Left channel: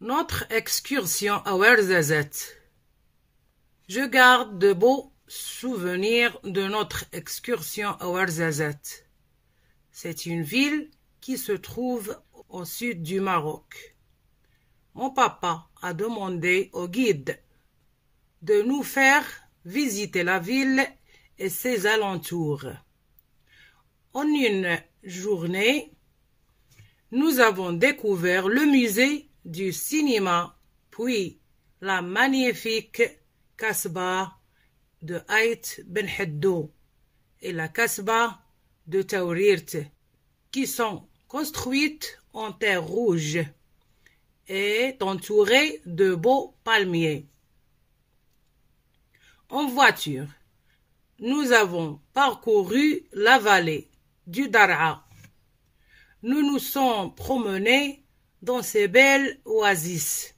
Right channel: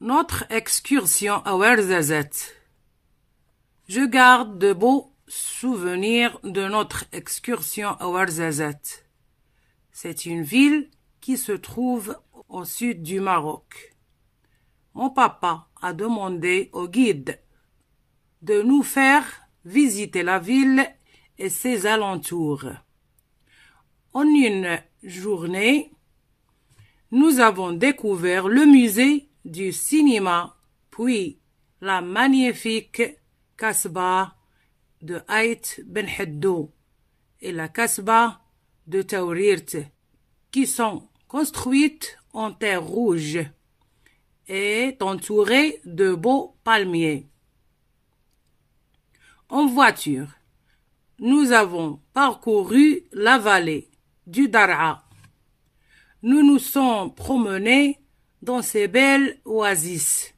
Notre excursion à Ouarzazate. Je garde de beaux souvenirs de notre excursion à Ouarzazate. C'est une ville qui se trouve au sud du Maroc. Mon papa a demandé au guide de nous faire visiter la ville et ses alentours. En une journée, nous avons découvert le musée du cinéma, puis la magnifique Kasbah de Ait Ben Haddou et la Kasbah de Taourirt, qui sont construites en terre rouge et entourées de beaux palmiers. En voiture, nous avons parcouru la vallée du Dar'a. Nous nous sommes promenés dans ces belles oasis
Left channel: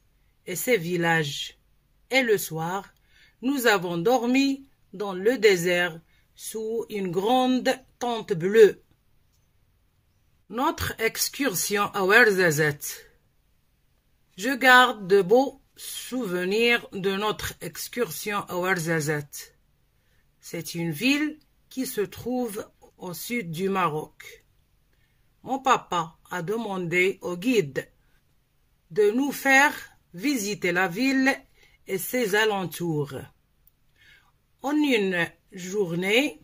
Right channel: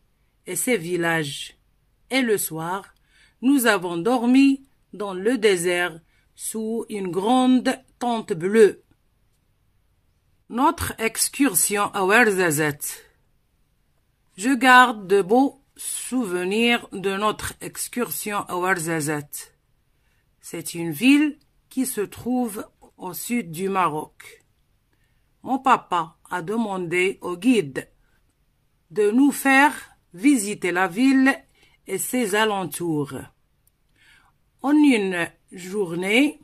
et ces villages. Et le soir, nous avons dormi dans le désert sous une grande tente bleue. Notre excursion à Ouarzazate. Je garde de beaux souvenirs de notre excursion à Ouarzazate. C'est une ville qui se trouve au sud du Maroc. Mon papa a demandé au guide de nous faire visiter la ville et ses alentours. En une journée,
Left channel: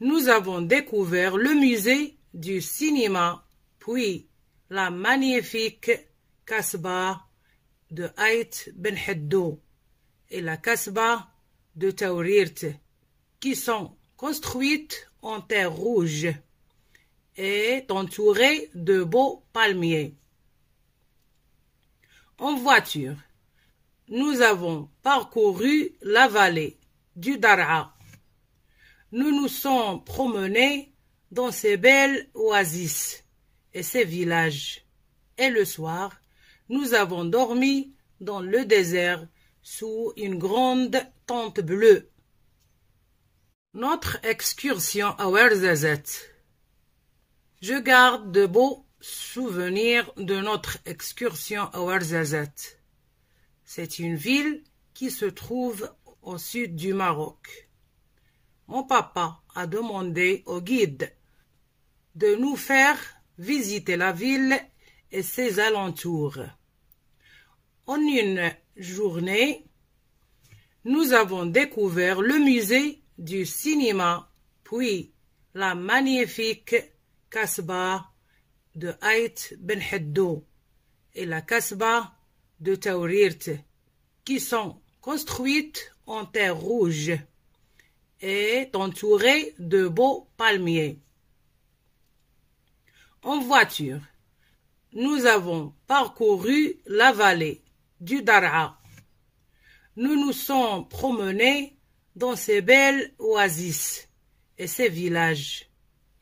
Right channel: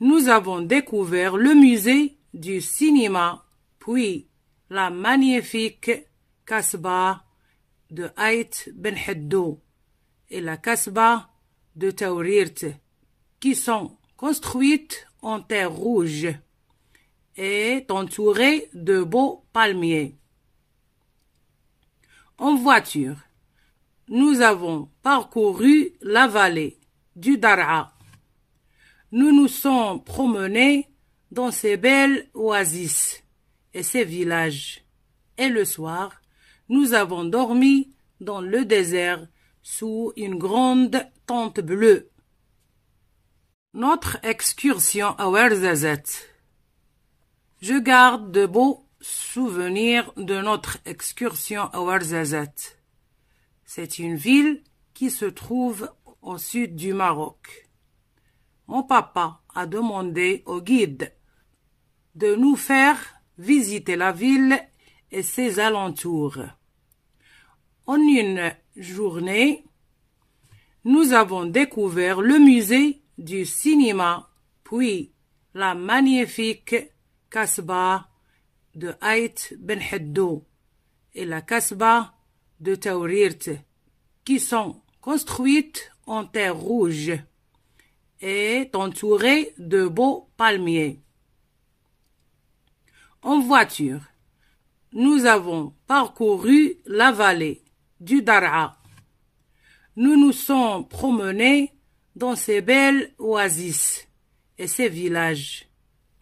nous avons découvert le musée du cinéma, puis la magnifique Kasbah de Ait Ben Haddou et la Kasbah de Taourirt, qui sont construites en terre rouge et entourées de beaux palmiers. En voiture, nous avons parcouru la vallée du Dar'a. Nous nous sommes promenés dans ces belles oasis et ces villages. Et le soir, nous avons dormi dans le désert sous une grande tente bleue. Notre excursion à Ouarzazate. Je garde de beaux souvenirs de notre excursion à Ouarzazate. C'est une ville qui se trouve au sud du Maroc. Mon papa a demandé au guide de nous faire visiter la ville et ses alentours. En une journée, nous avons découvert le musée du cinéma, puis la magnifique Kasbah de Ait Ben Haddou et la Kasbah de Taourirt, qui sont construites en terre rouge et entourées de beaux palmiers. En voiture, nous avons parcouru la vallée du Dar'a. Nous nous sommes promenés dans ces belles oasis et ces villages.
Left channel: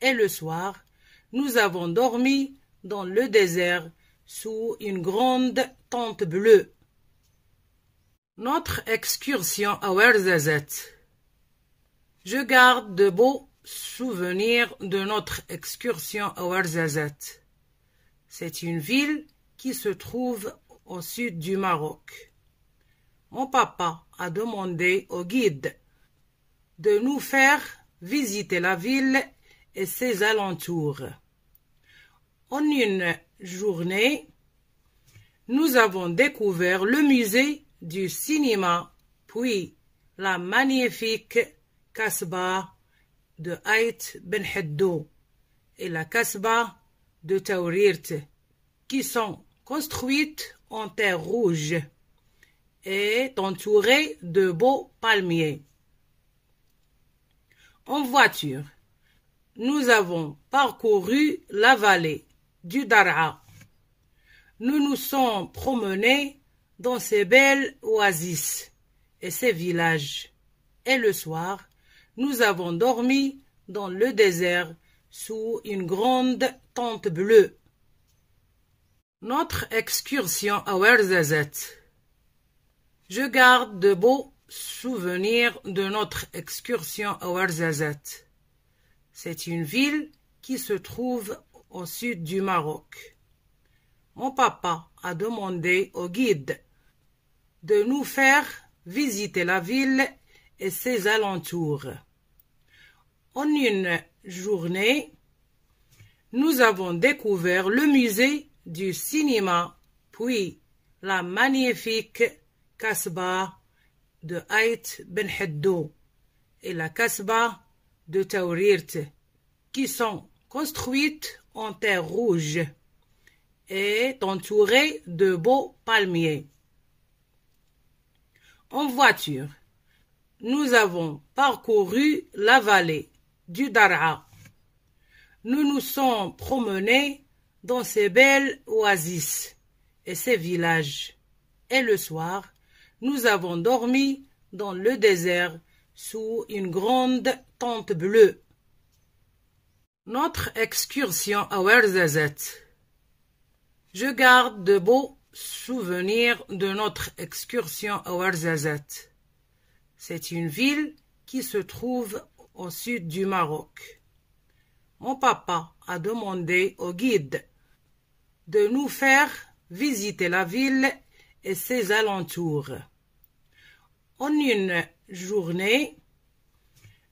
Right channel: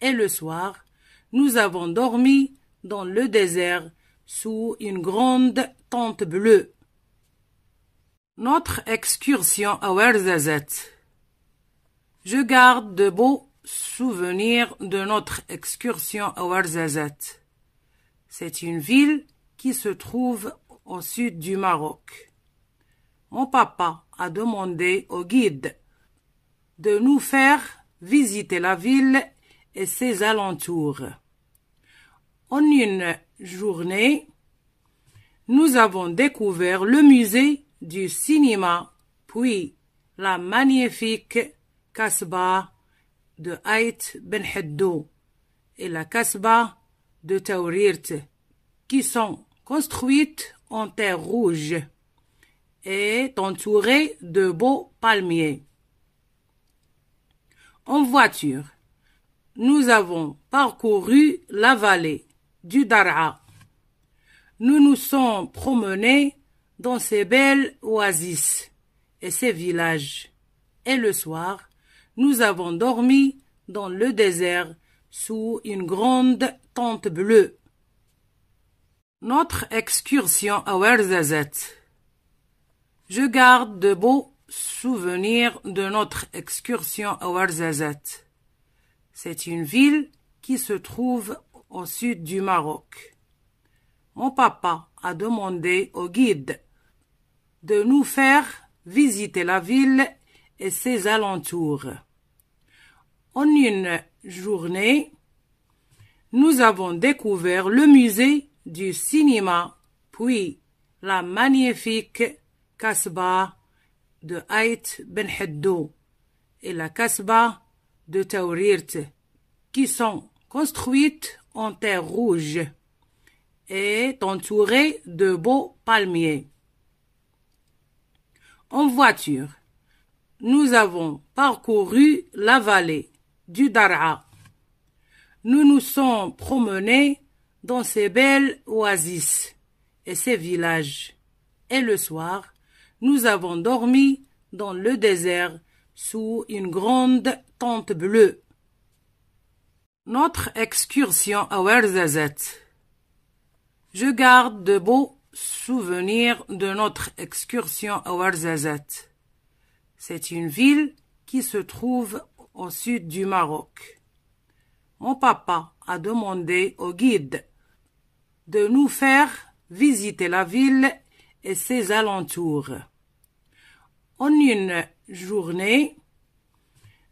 Et le soir, nous avons dormi dans le désert sous une grande tente bleue. Notre excursion à Ouarzazate. Je garde de beaux souvenirs de notre excursion à Ouarzazate. C'est une ville qui se trouve au sud du Maroc. Mon papa a demandé au guide de nous faire visiter la ville et ses alentours. En une journée, nous avons découvert le musée du cinéma, puis la magnifique Kasbah de Ait Ben Haddou et la Kasbah de Taourirt, qui sont construites en terre rouge et entourées de beaux palmiers. En voiture, nous avons parcouru la vallée du Dar'a. Nous nous sommes promenés dans ces belles oasis et ces villages. Et le soir, nous avons dormi dans le désert sous une grande tente bleue. Notre excursion à Ouarzazate. Je garde de beaux souvenirs de notre excursion à Ouarzazate. C'est une ville qui se trouve au sud du Maroc. Mon papa a demandé au guide de nous faire visiter la ville et ses alentours. En une journée, nous avons découvert le musée du cinéma, puis la magnifique Kasbah de Ait Ben Heddo et la Kasbah de Taurirt, qui sont construites en terre rouge et entourées de beaux palmiers. En voiture, nous avons parcouru la vallée du Dar'a. Nous nous sommes promenés dans ces belles oasis et ces villages. Et le soir, nous avons dormi dans le désert sous une grande tente bleue. Notre excursion à Ouarzazate. Je garde de beaux souvenirs de notre excursion à Ouarzazate. C'est une ville qui se trouve au sud du Maroc. Mon papa a demandé au guide de nous faire visiter la ville et ses alentours. En une journée,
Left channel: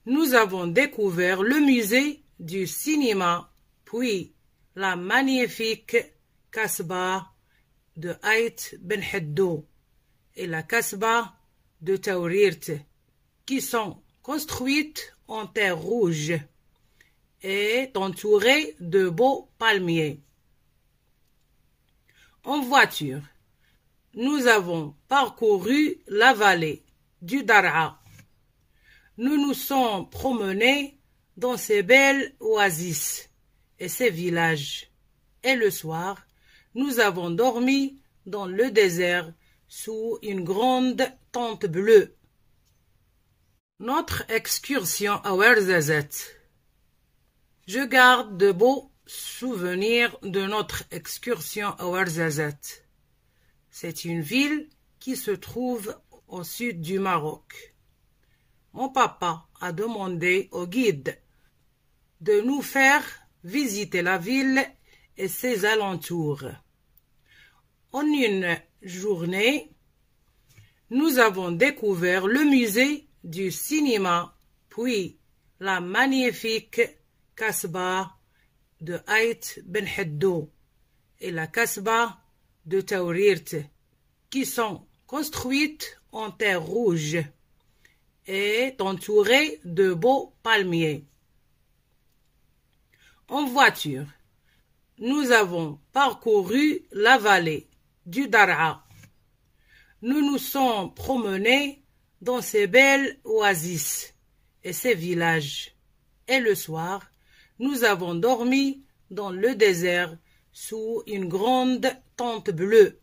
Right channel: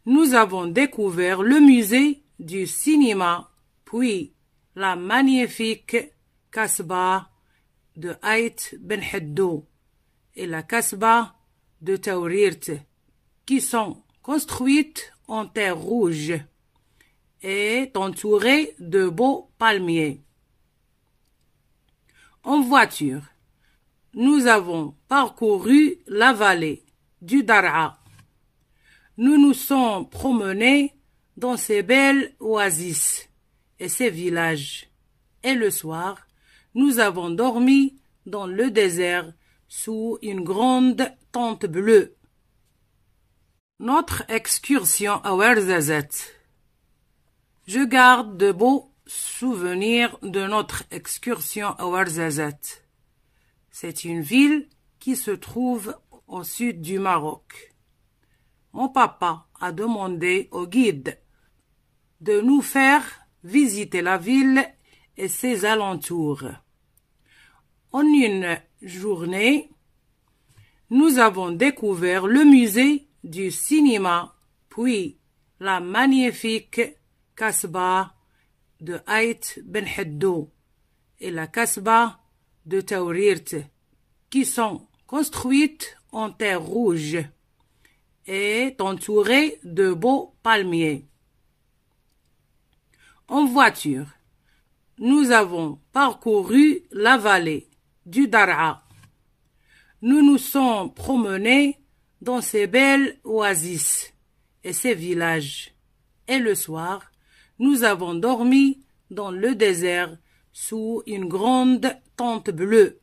nous avons découvert le musée du cinéma, puis la magnifique Kasbah de Ait Ben Heddo et la Kasbah de Taurirt, qui sont construites en terre rouge et entourées de beaux palmiers. En voiture, nous avons parcouru la vallée du Dar'a. Nous nous sommes promenés dans ces belles oasis et ces villages. Et le soir, nous avons dormi dans le désert sous une grande tente bleue. Notre excursion à Ouarzazate. Je garde de beaux souvenirs de notre excursion à Ouarzazate. C'est une ville qui se trouve au sud du Maroc. Mon papa a demandé au guide de nous faire visiter la ville et ses alentours. En une journée, nous avons découvert le musée du cinéma, puis la magnifique Kasbah de Ait Ben Heddo et la Kasbah de Taurirt, qui sont construites en terre rouge et entourées de beaux palmiers. En voiture, nous avons parcouru la vallée du Dar'a. Nous nous sommes promenés dans ces belles oasis et ces villages. Et le soir, nous avons dormi dans le désert sous une grande tente bleue.